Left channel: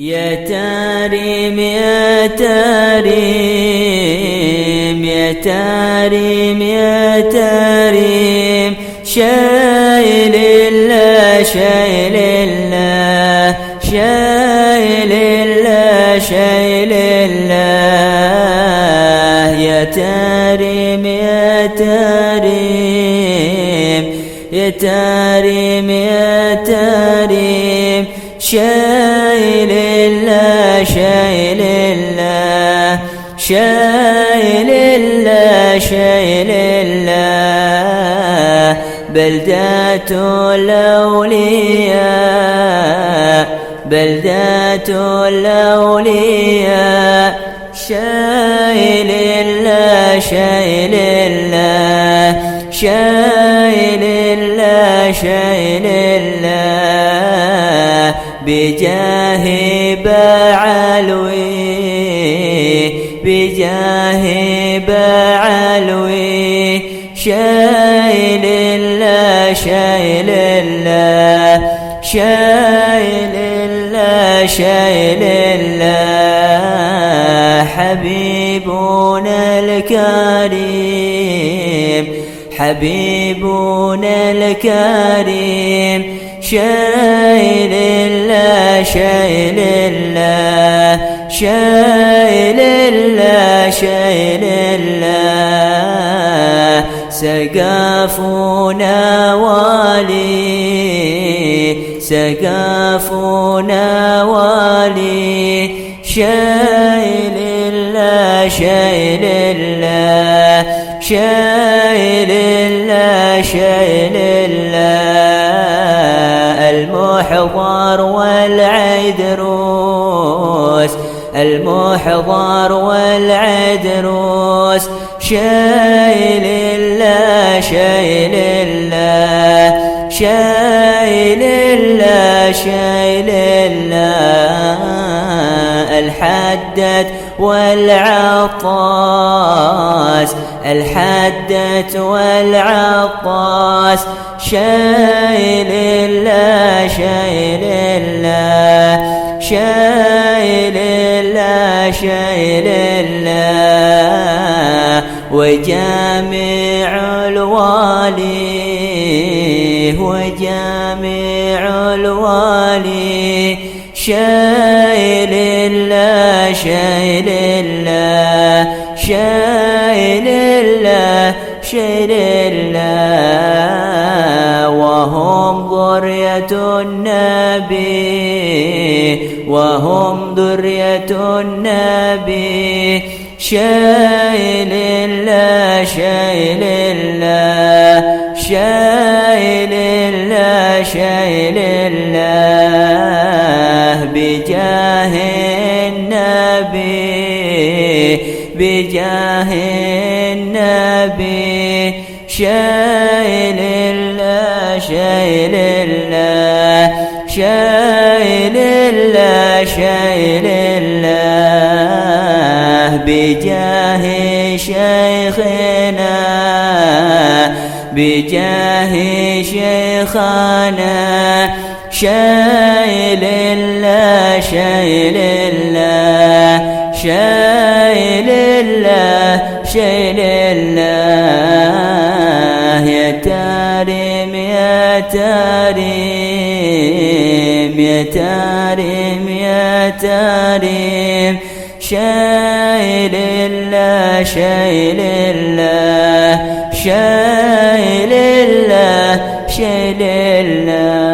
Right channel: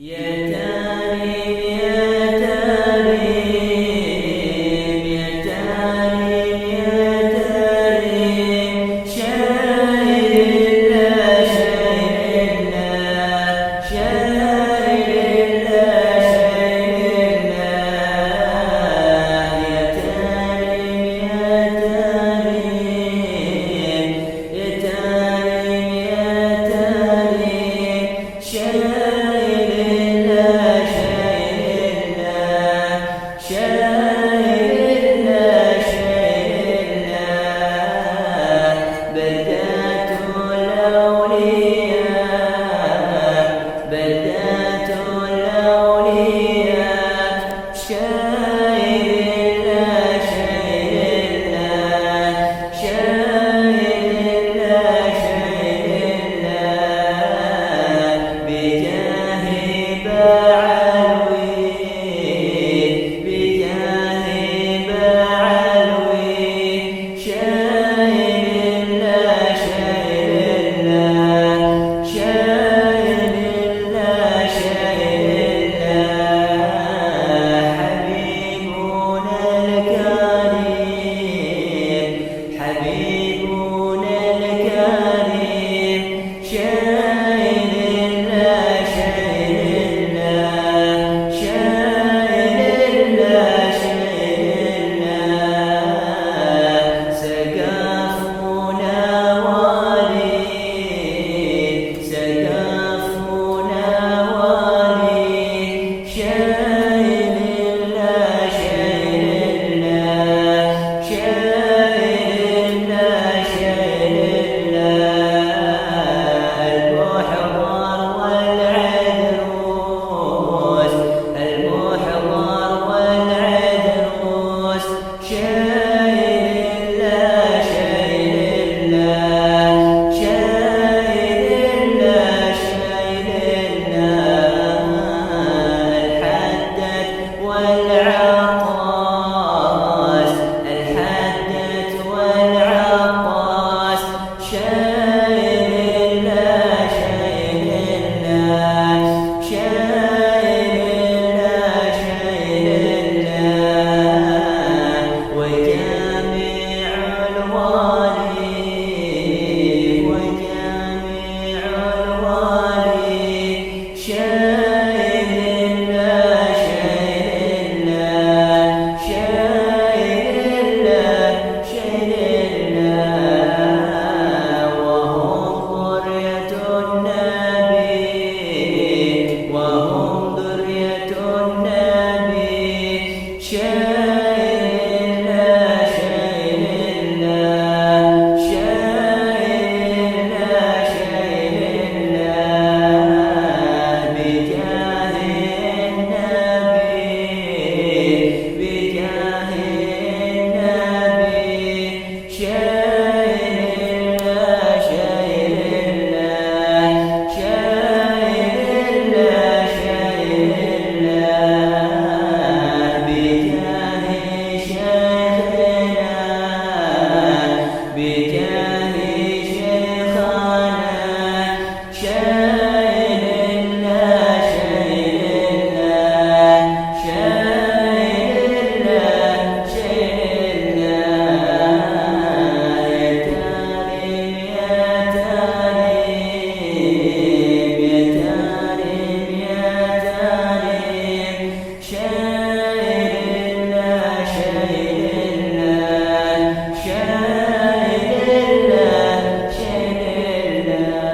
يا تاريم يا تاريم يا تاريم يا تاريم، شايل الله شايل الله شايل الله شايل الله. يا تاريم يا تاريم يا تاريم يا تاريم، شايل الله شايل الله شايل الله شايل الله. بلدة الأولياء بلدة الأولياء، شايل الله شايل الله شايل الله شايل الله. بجاه بعلوي بجاه بعلوي، شايل الله شايل الله شايل الله شايل الله. حبيبنا الكريم حبيبنا الكريم، شايل الله شايل الله شايل الله شايل الله. سقافنا والي سقافنا والي، شايل الله شايل الله شايل الله شايل الله. المحضر والعيدروس المحضر والعيدروس، شايل الله شايل الله شايل الله شايل الله. الحدث والعطاس الحدث والعطاس، شايل الله شايل الله شايل الله شايل الله. وجامع الوالي وجامع الوالي، شايل الله شايل الله شايل الله شايل الله. وهم ذرية النبي وهم ذرية النبي، شايل الله شايل الله شايل الله شايل الله. بجاه النبي بجاه النبي، شايل الله شايل الله شايل الله شايل الله. بجاه شيخنا بجاه شيخنا، شايل الله شايل الله شايل الله شايل الله. يا تاريم يا تاريم يا تاريم يا تاريم، شايل الله شايل الله شايل الله شايل الله.